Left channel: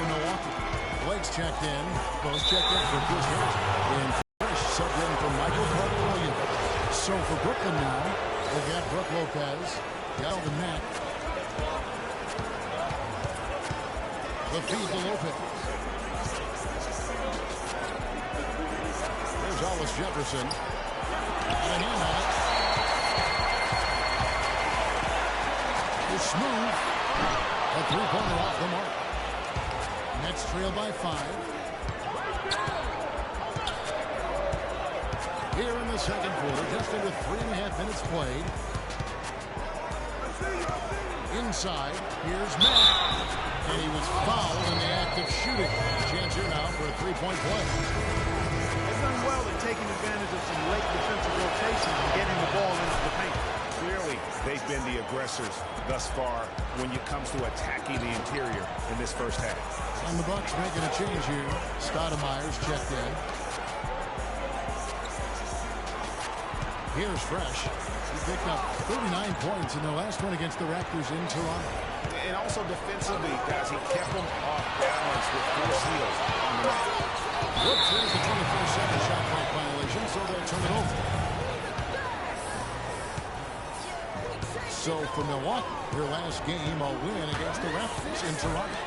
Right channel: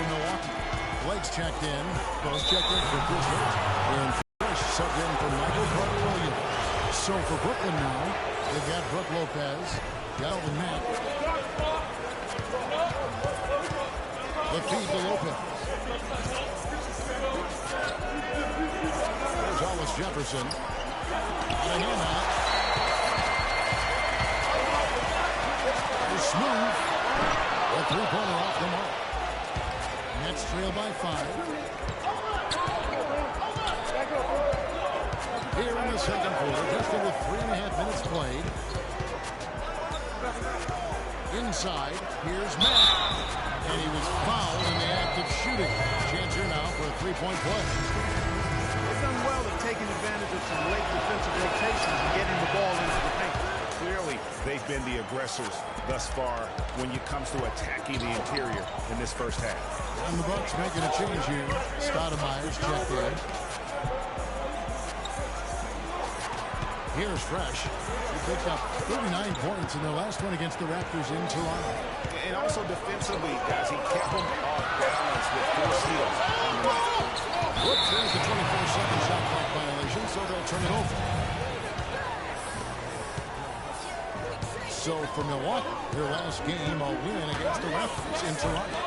for Milwaukee. Blake's checked in. Both checked in for Chris Harris. And Fresh subbed in for Michael Carter-Williams. So for Brooklyn now, they've got Brook Lopez, Galvin Mack. The feed to Lopez. There's Hollis Jefferson. Got a hand on it. It's smooth. A three-pointer off the mark. Nets trail by 5. Here in the second quarter, just under 3.5 minutes played. Inside, here's Matt. And he was fouled in the act of shooting. Chance here now for a three-point play. They've done well at taking advantage of some late defensive rotations and getting the ball into the paint. Clearly, they've been the aggressors thus far when it comes to attacking the interior in this first half. And the Bucks making a change here. Stoudemire's checked in. Here's Fresh. He picked up 39 points in the last one against the Raptors in Toronto. And also defensively, guys, he kept them off balance with 4 steals on the night. Brooks, there's the 24-second shot clock violation, so they'll turn it over. So for Milwaukee, their last game, a win against the Raptors in Toronto.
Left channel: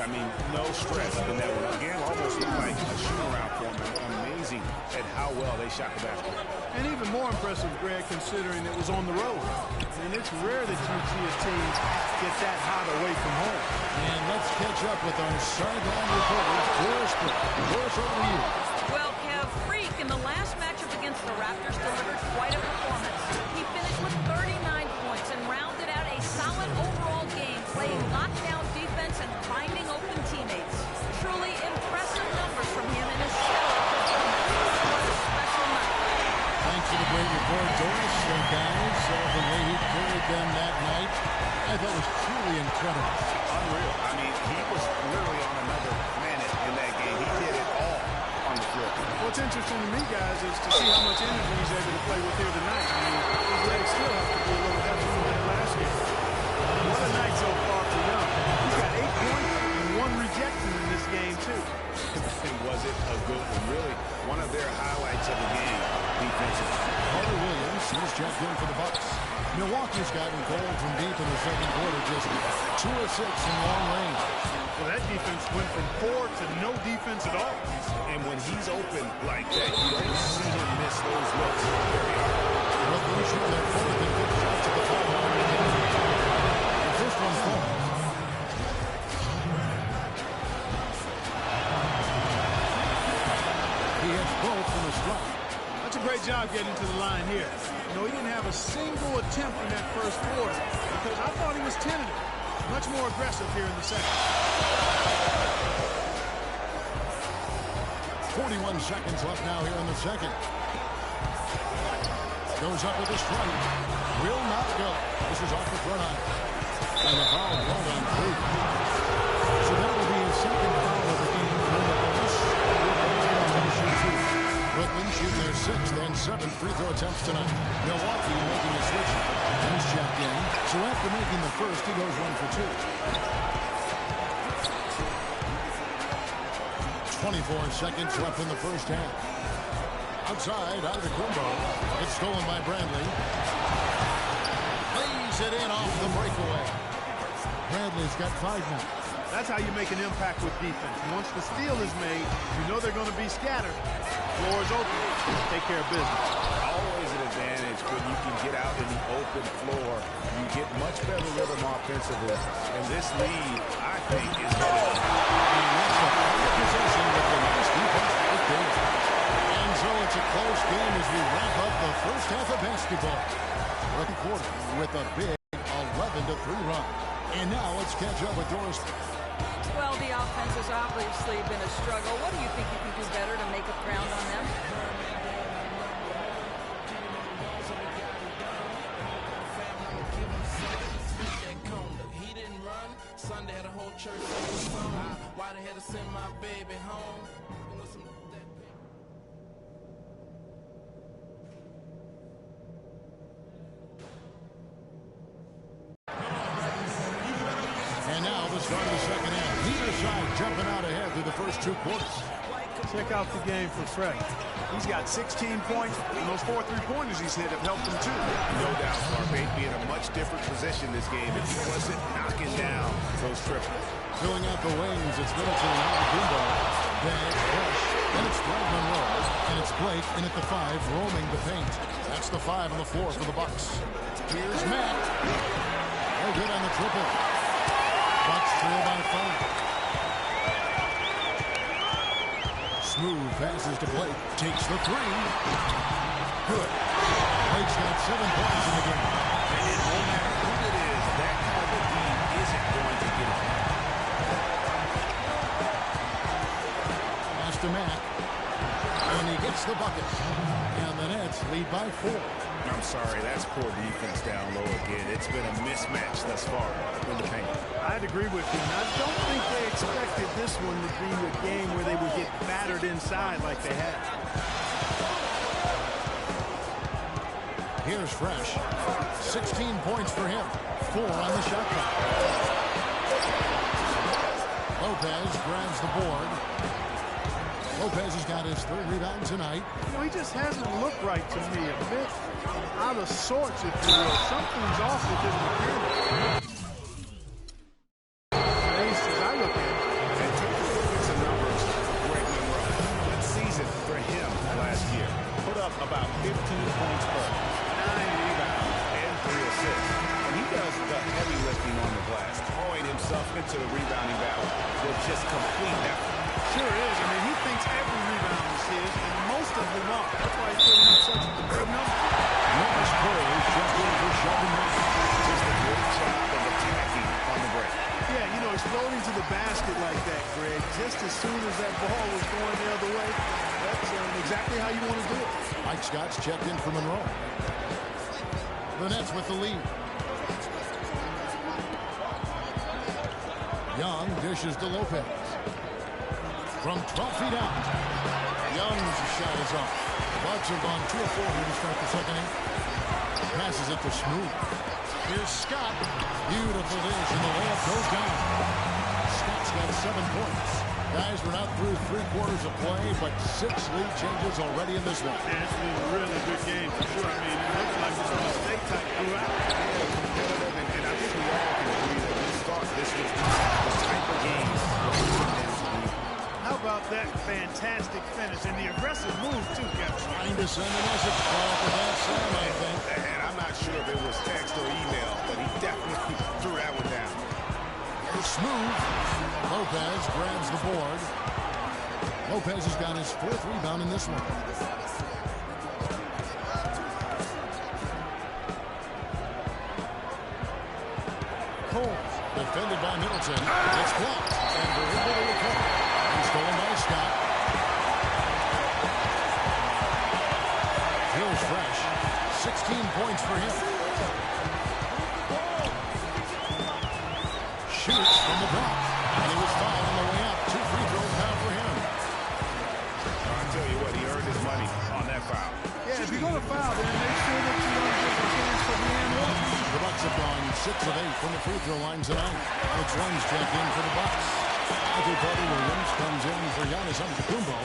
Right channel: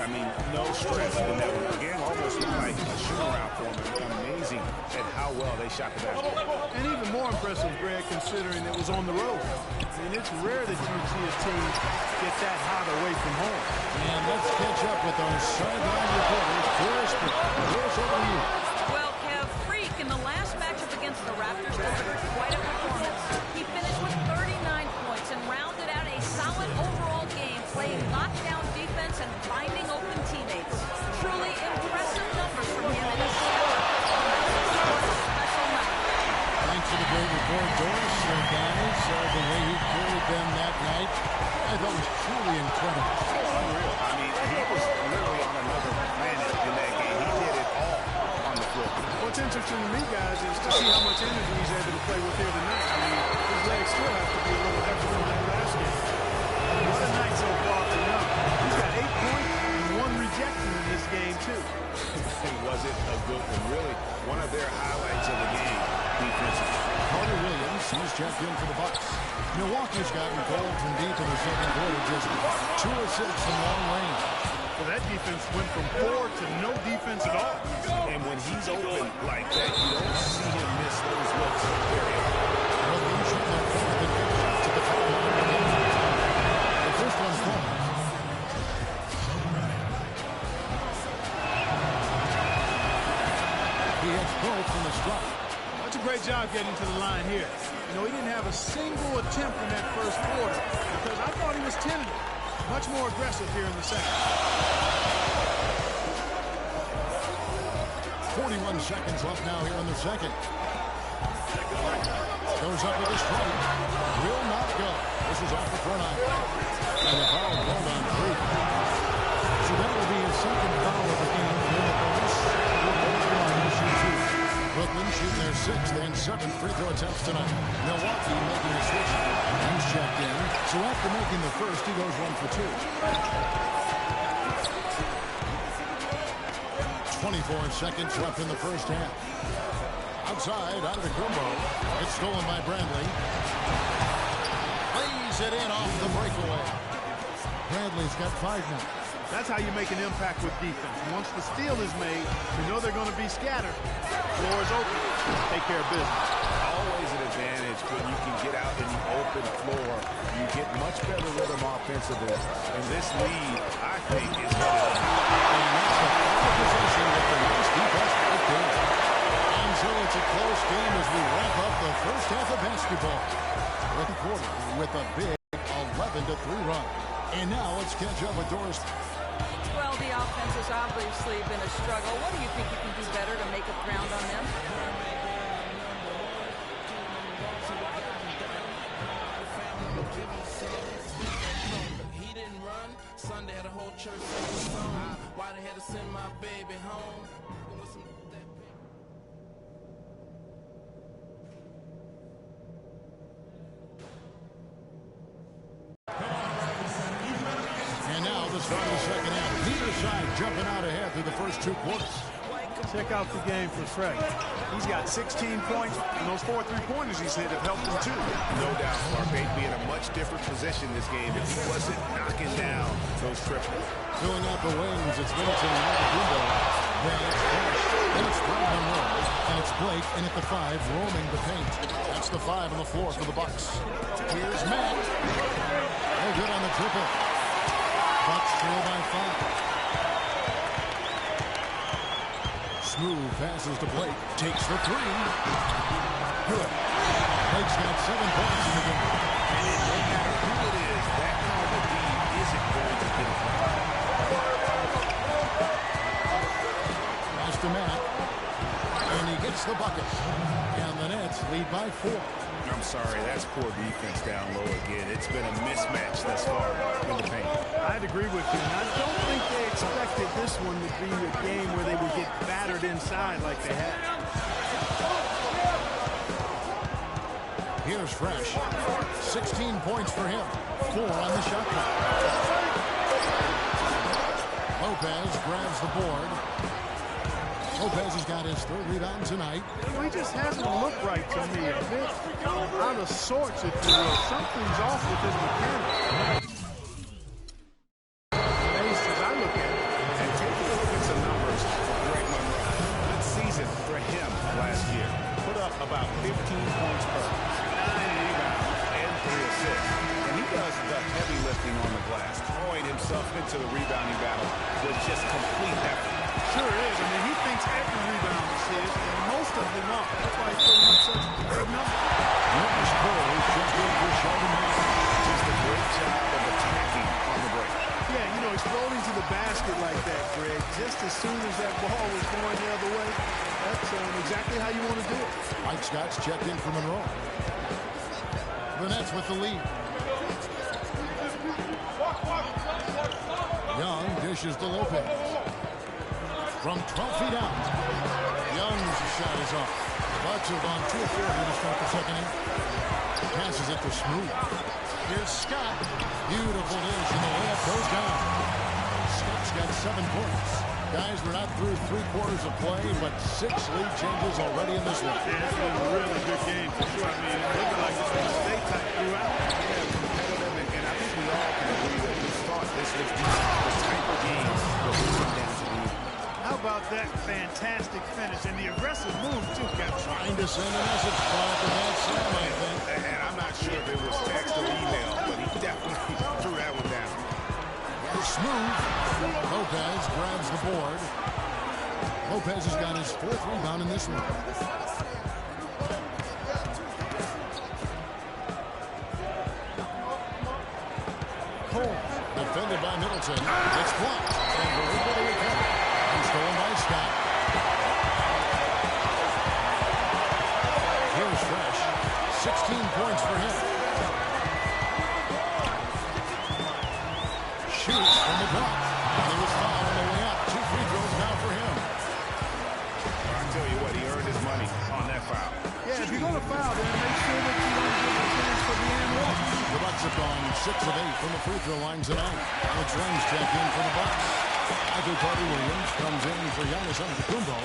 I mean, no stress in that one. Again, almost looked like a shoot-around for them. Amazing at how well they shot the basketball. And even more impressive, Greg, considering it was on the road. And it's rare that you see a team get that hot away from home. And let's catch up with our sideline reporters, Doris Burke. Doris, over to you. Well, Kev, Freak in the last matchup against the Raptors delivered quite a performance. He finished with 39 points and rounded out a solid overall game, playing lockdown defense and finding open teammates. Truly impressive numbers from him in a stellar performance. What a special night. Thanks for the great report, Doris. Guys, the way he carried them that night, I thought was truly incredible. Unreal. I mean, he was literally on another planet in that game. He did it all on the floor. What's interesting to me, guys, is to see how much energy he's able to play with here tonight. I mean, his legs still have to be a little heavy from that last game. What a night so far for Young. He's got 8 points and 1 rejection in this game, too. Was it a good one? Really, one of their highlights of the game defensively. Carter-Williams, he's checked in for the Bucks. Milwaukee's gotten cold from deep in the second quarter, just 2 of 6 from long range. Well, that defense went from 4 to no defense at all. And when he's open like that, you don't see him miss those looks very often. Brooklyn shooting their 4th and 5th shots at the foul line again. The first one falls. He hits both from the strike. That's a great job getting to the line here. You know, he didn't have a single attempt in that first quarter because I thought he was tentative. Much more aggressive here in the second. 41 seconds left now here in the second. Goes up with a strike. Will not go. This is off the front eye. And the foul called on Freak. So that will be his second foul of the game. We're in the bonus. Brooklyn shooting their 6th and 7th free throw attempts tonight. Milwaukee making a switch. He's checked in. So after making the first, he goes 1 for 2. 24 seconds left in the first half. Outside, Antetokounmpo. It's stolen by Bradley. Lays it in off the breakaway. Bradley's got 5 now. That's how you make an impact with defense. Once the steal is made, you know they're going to be scattered. Floor is open. Take care of business. Always an advantage when you can get out in the open floor. You get much better rhythm offensively. And this lead, I think, is headed up. And that's the final possession with the nice defense right there. And so it's a close game as we wrap up the first half of basketball. Second quarter with a big 11-3 run. And now let's catch up with Doris. Well, the offense has obviously been a struggle. What do you think you can do better to make up ground on them? He didn't run. Sunday had a whole church song. Why they had to send my baby home? And now the the start of the second half. Neither side jumping out ahead through the first 2 quarters. Check out the game for Fresh. He's got 16 points, and those 4 3-pointers he's hit have helped him too. No doubt, Clark. They'd be in a much different position this game if he wasn't knocking down those triples. Filling out the wings, it's Middleton and Antetokounmpo. Then it's Fresh. Then it's Greg Monroe. And it's Blake in at the 5, roaming the paint. That's the 5 on the floor for the Bucks. Here's Matt. No good on the triple. Bucks trail by 5. Smooth passes to Blake. Takes the 3. Good. Blake's got 7 points in the game. And no matter who it is, that kind of a D isn't going to get it right. Pass to Matt. And he gets the bucket. And the Nets lead by 4. I'm sorry, that's poor defense down low again. It's been a mismatch thus far in the paint. I'd agree with you, and I don't think they expected this one to be a game where they would get battered inside like they had. Here's Fresh. 16 points for him. 4 on the shot clock. Lopez grabs the board. Lopez has got his 3rd rebound tonight. You know, he just hasn't looked right to me. A bit out of sorts, if you will. Something's off with his mechanics. Ace, as I look at it. And taking a look at some numbers for Greg Monroe. Good season for him last year. Put up about 15 points per, 9 rebounds, and 3 assists. And he does the heavy lifting on the glass, throwing himself into the rebounding battle with just complete effort. Sure is. I mean, he thinks every rebound is his, and most of them are. That's why he's putting up such big numbers. Marcus Cole just in for Sheldon Mason. Just a great job of attacking on the break. Yeah, you know, exploding to the basket like that, Greg, just as soon as that ball was going the other way, that's exactly how you want to do it. Mike Scott's checked in for Monroe. The Nets with the lead. Young dishes to Lopez. From 12 feet out. Young's shot is off. The Bucks have gone 2 of 4 here to start the second half. Passes it to Smooth. Here's Scott. Beautiful dish, and the layup goes down. Scott's got 7 points. Guys, we're not through 3 quarters of play, but 6 lead changes already in this one. Yeah, it's been a really good game for sure. I mean, it looks like it's going to stay tight throughout. Yeah, competitive, and I think we all can agree that we thought this was the type of game that would come down to the. How about that fantastic finish and the aggressive move, too, Kevin? Trying to send a message, Clark, with that Sam, I think. And I'm not sure if it was text or email, but he definitely threw that one down. Here's Smooth. Lopez grabs the board. Lopez has got his 4th rebound in this one. Cole, defended by Middleton. It's blocked, and they're able to recover. And stolen by Scott. Here's Fresh. 16 points for him. Shoots from the block, and he was fouled on the way up. 2 free throws now for him. I tell you what, he earned his money on that foul. Yeah, if you're going to foul, then make sure that you don't give a chance for the and one. The Bucks have gone 6 of 8 from the free throw line tonight. Alex Lenz checked in for the Bucks. Michael Carter-Williams comes in for Giannis Antetokounmpo.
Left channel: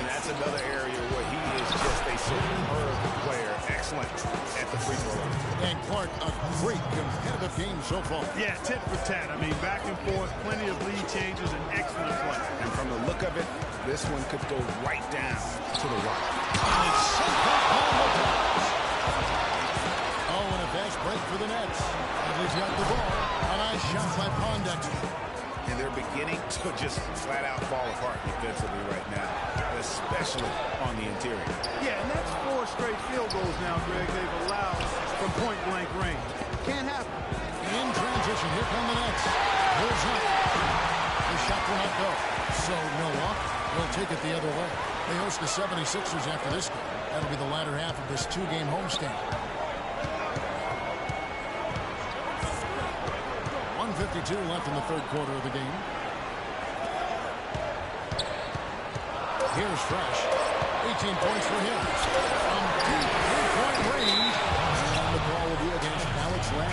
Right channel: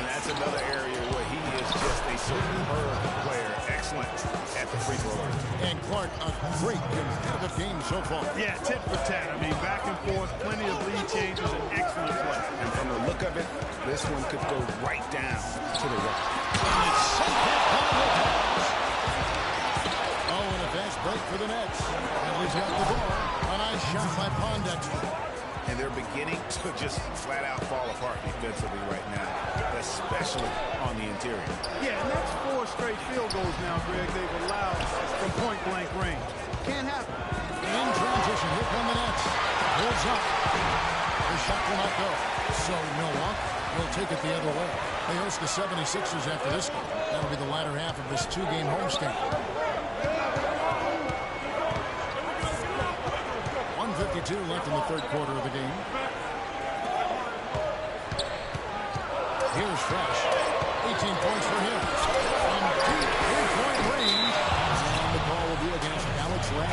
And that's another area where he is just a superb player. Excellent at the free throw line. And Clark, a great competitive game so far. Yeah, tit for tat. I mean, back and forth, plenty of lead changes, and excellent play. And from the look of it, this one could go right down to the right. And it's sent back by Lopez. Oh, and a fast break for the Nets. Bradley's got the ball. A nice shot by Pondexter. And they're beginning to just flat out fall apart defensively right now, especially on the interior. Yeah, and that's 4 straight field goals now, Greg, they've allowed from point-blank range. Can't happen. In transition, here come the Nets. Pulls up. The shot will not go. So Milwaukee will take it the other way. They host the 76ers after this game. That'll be the latter half of this 2-game homestand. 1:52 left in the 3rd quarter of the game. Here's Fresh. 18 points for him. From deep 3-point range. And the call will be against Alex Lamb.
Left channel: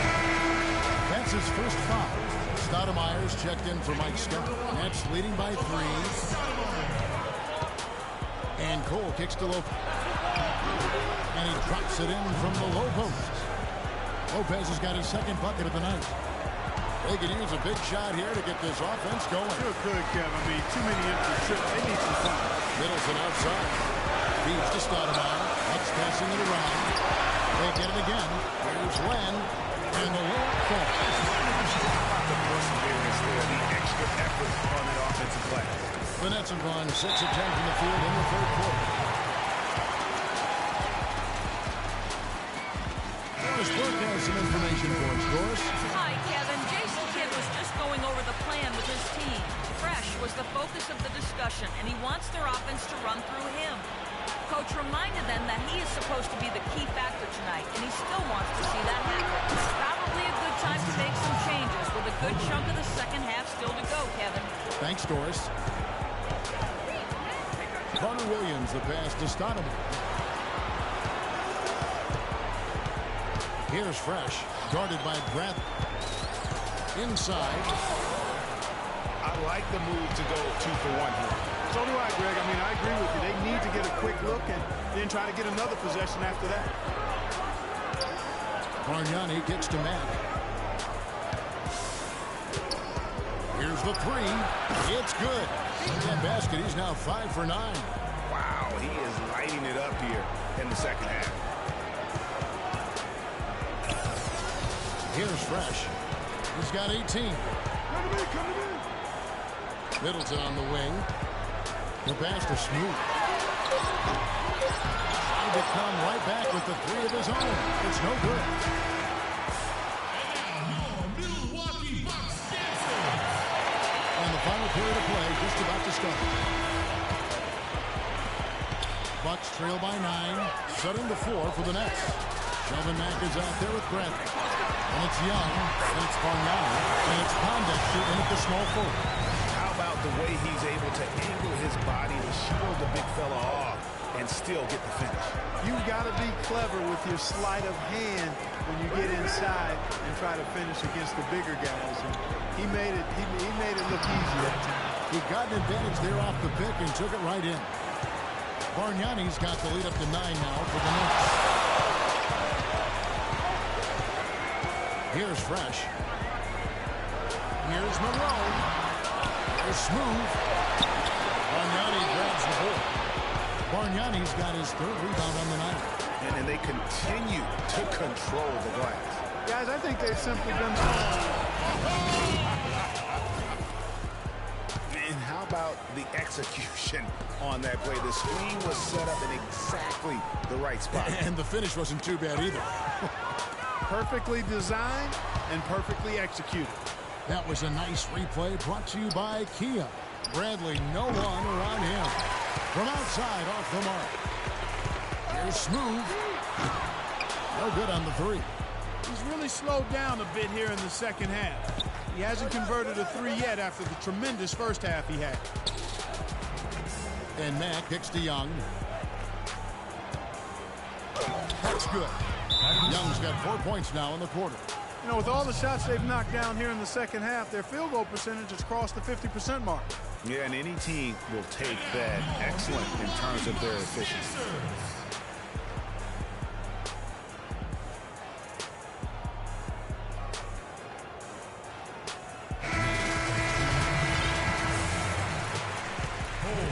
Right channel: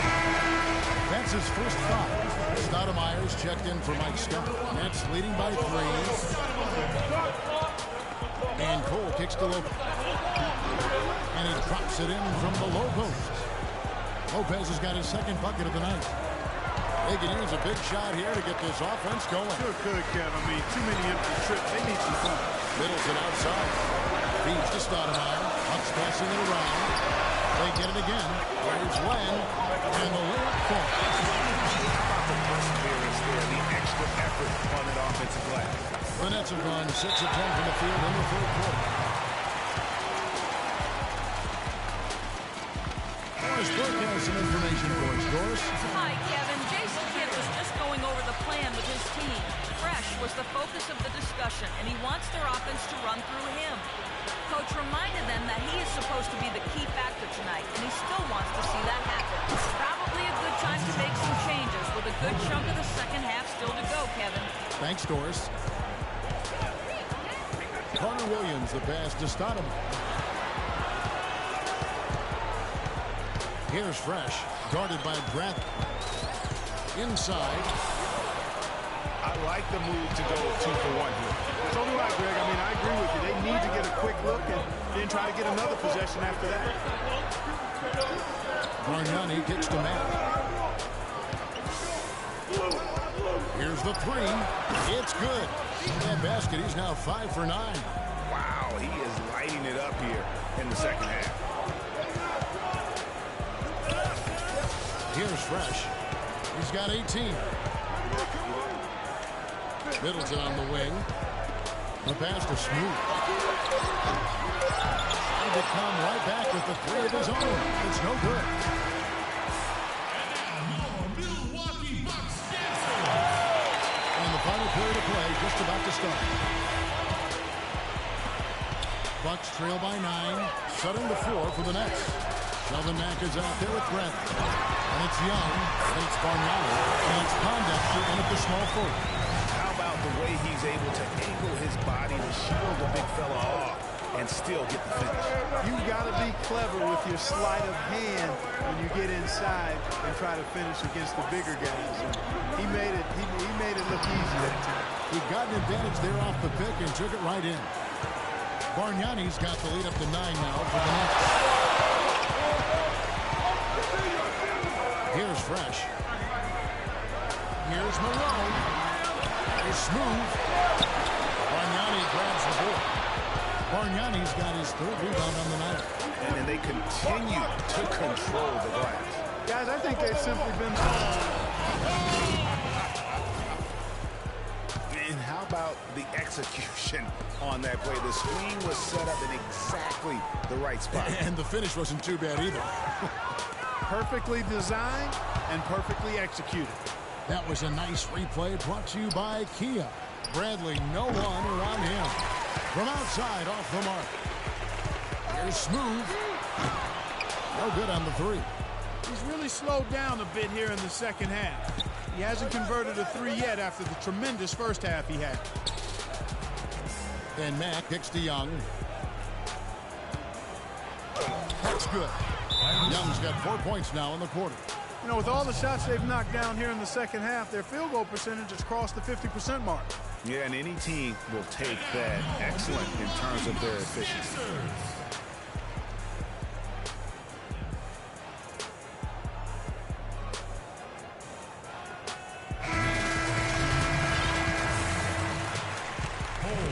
That's his first foul. Stoudemire's checked in for Mike Scott. Nets leading by 3. And Cole kicks to Lopez. And he drops it in from the low post. Lopez has got his second bucket of the night. They can use a big shot here to get this offense going. Sure could, Kev. I mean, too many empty trips. They need some fun. Middleton outside. Feeds to Stoudemire. Bucks passing it around. They get it again. Here's Len. And the layup falls. How about the perseverance there, the extra effort on that offensive glass? The Nets have gone 6 of 10 from the field in the third quarter. Doris Burke has some information for us. Doris? Hi, Kevin. Jason Kidd was just going over the plan with his team. Fresh was the focus of the discussion, and he wants their offense to run through him. Coach reminded them that he is supposed to be the key factor tonight, and he still wants to see that happen. Probably a good time to make some changes with a good chunk of the second half still to go, Kevin. Thanks, Doris. Carter Williams, the pass to Stoudemire. Here's Fresh, guarded by Bradley. Inside. I like the move to go 2 for 1 here. So do I, Greg. I mean, I agree with you. They need to get a quick look and then try to get another possession after that. Bargnani kicks to Matt. Here's the 3. It's good. In that basket, he's now 5 for 9. Wow, he is lighting it up here in the second half. Here's Fresh. He's got 18. Middleton on the wing. The pass to Smooth. Trying to come right back with the 3 of his own. It's no good. And the final period of play just about to start. Bucks trail by 9. Setting the floor for the Nets. Sheldon Mack is out there with Bradley. And it's Young. And it's Bargnani. And it's Pondexter in at the small forward. How about the way he's able to angle his body to shield the big fella off and still get the finish? You've got to be clever with your sleight of hand when you get inside and try to finish against the bigger guys. And he made it look easy that time. He got an advantage there off the pick and took it right in. Bargnani's got the lead up to 9 now for the Nets. Here's Fresh. Here's Malone. Here's Smooth. Bargnani grabs the board. Bargnani's got his 3rd rebound on the night. And then they continue to control the glass. Guys, I think they've simply been... And how about the execution on that play? The screen was set up in exactly the right spot. And the finish wasn't too bad either. Perfectly designed and perfectly executed. That was a nice replay brought to you by Kia. Bradley, no one around him. From outside, off the mark. Here's Smooth. No good on the 3. He's really slowed down a bit here in the second half. He hasn't converted a 3 yet after the tremendous first half he had. And Mack kicks to Young. That's good. Young's got 4 points now in the quarter. You know, with all the shots they've knocked down here in the second half, their field goal percentage has crossed the 50% mark. Yeah, and any team will take that excellent in terms of their efficiency.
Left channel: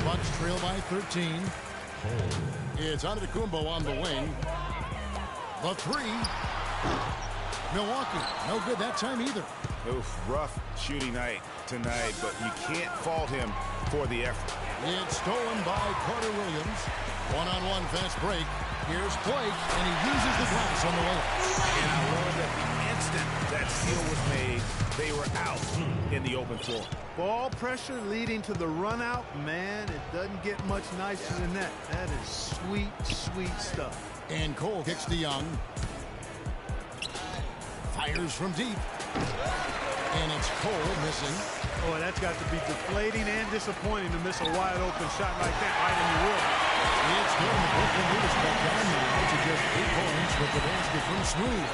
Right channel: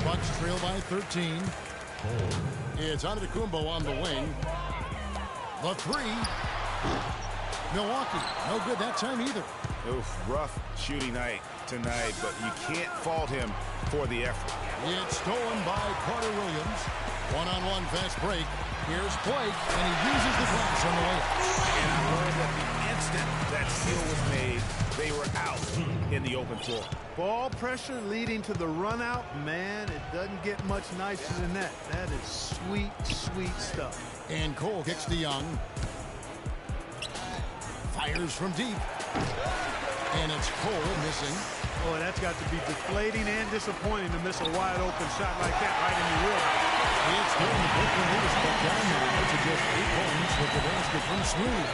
Bucks trail by 13. It's Antetokounmpo on the wing. The 3. Milwaukee, no good that time either. Oof, rough shooting night tonight, but you can't fault him for the effort. It's stolen by Carter Williams. One-on-one fast break. Here's Blake, and he uses the glass on the way. And I learned that the instant that steal was made, they were out in the open floor. Ball pressure leading to the run out. Man, it doesn't get much nicer than that. That is sweet, sweet stuff. And Cole kicks to Young. Fires from deep. And it's Cole missing. Oh, that's got to be deflating and disappointing to miss a wide open shot like that right in your wheelhouse. It's getting the Brooklyn Needles back down there to just 8 points with the basket from Smooth.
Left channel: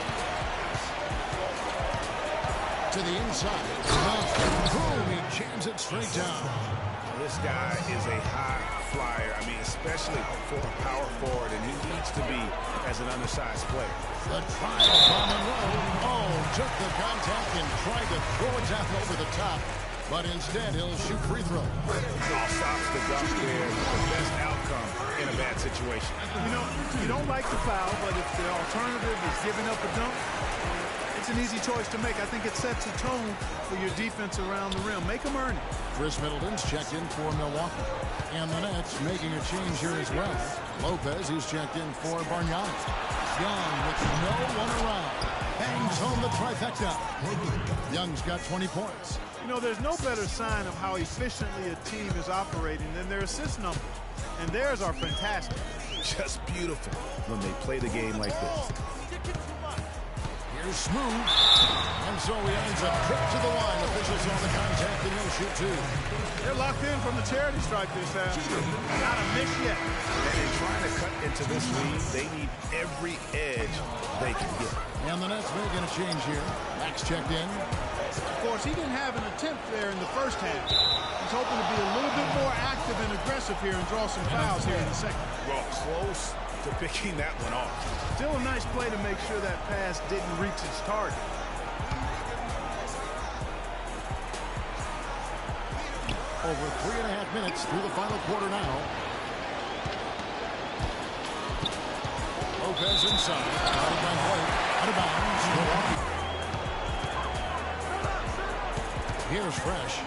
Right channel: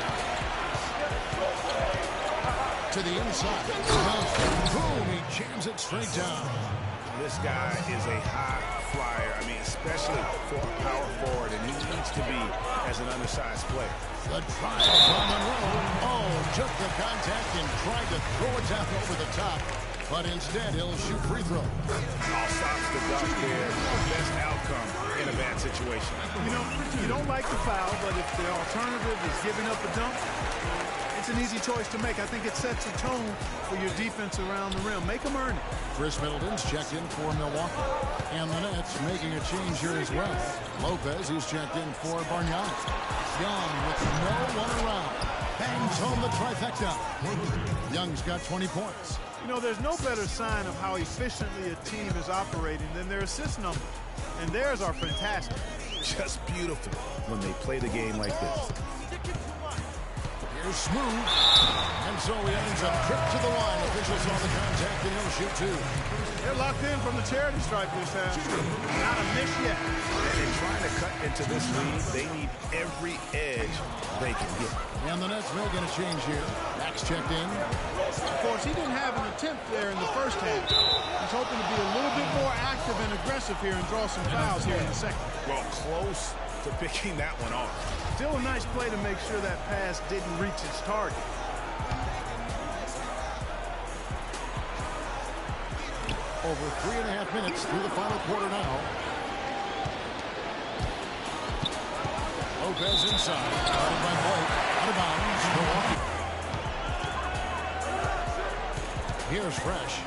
To the inside. Boom, he jams it straight down. This guy is a high flyer. I mean, especially for a power forward, and he needs to be as an undersized player. The trial by Monroe. Oh, took the contact and tried to throw it down over the top. But instead, he'll shoot free throw. All stops the dunk there. Best outcome in a bad situation. You know, you don't like the foul, but if the alternative is giving up a dunk, it's an easy choice to make. I think it sets a tone for your defense around the rim. Make them earn it. Chris Middleton's checked in for Milwaukee. And the Nets making a change here as well. Lopez, who's checked in for Bargnani. Young with no one around. Bangs home the trifecta. Young's got 20 points. You know, there's no better sign of how efficiently a team is operating than their assist numbers. And theirs are fantastic. Just beautiful when they play the game like this. Here's Smooth. And so he ends a trip to the line. Officials saw the contact and he'll shoot two. They're locked in from the charity stripe this half. Not a miss yet. And in trying to cut into this lead, they need every edge they can get. And the Nets making a change here. Max checked in. Of course, he didn't have an attempt there in the first half. He's hoping to be a little bit more active and aggressive here and draw some fouls here in the second. Well, close to picking that one off. Still a nice play to make sure that pass didn't reach its target. Over 3.5 minutes through the final quarter now. Lopez inside. Guarded by Blake. Out of bounds. Milwaukee. Here's Fresh.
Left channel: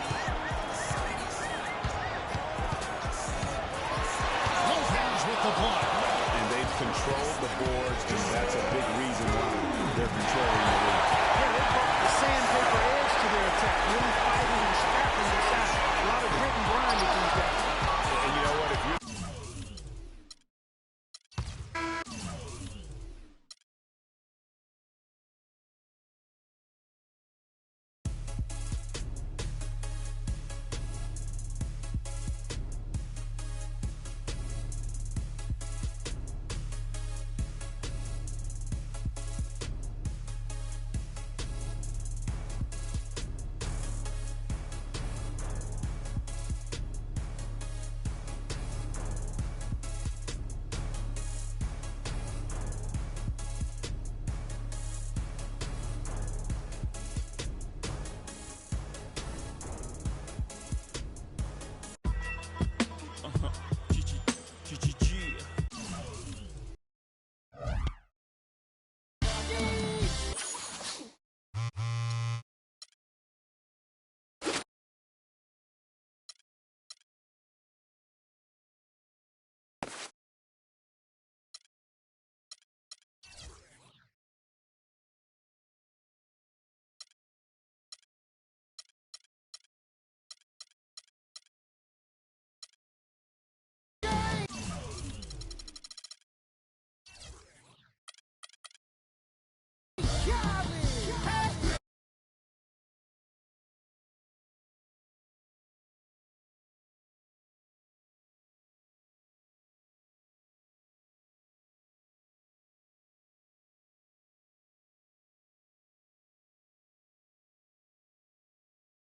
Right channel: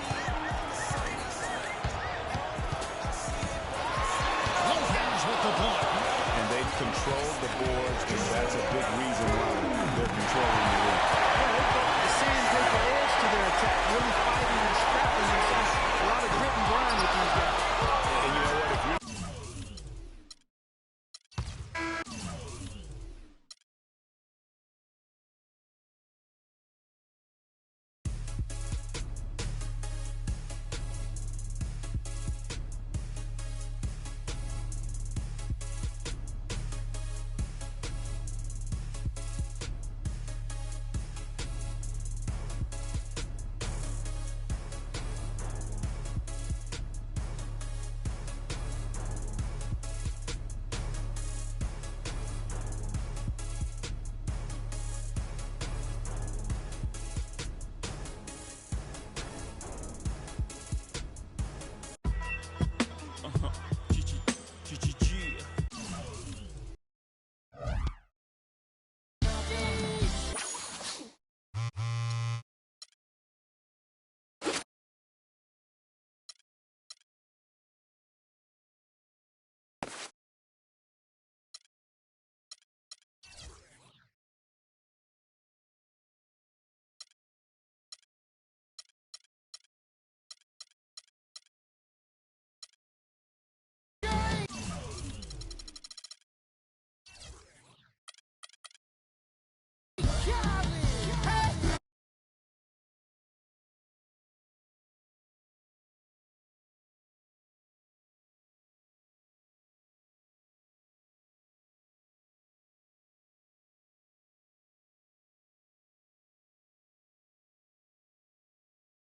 Lopez with the block. And they've controlled the boards, and that's a big reason why they're controlling the lead. Yeah, they brought the sandpaper edge to their attack, really fighting and scrapping inside. A lot of grit and grind with these guys. And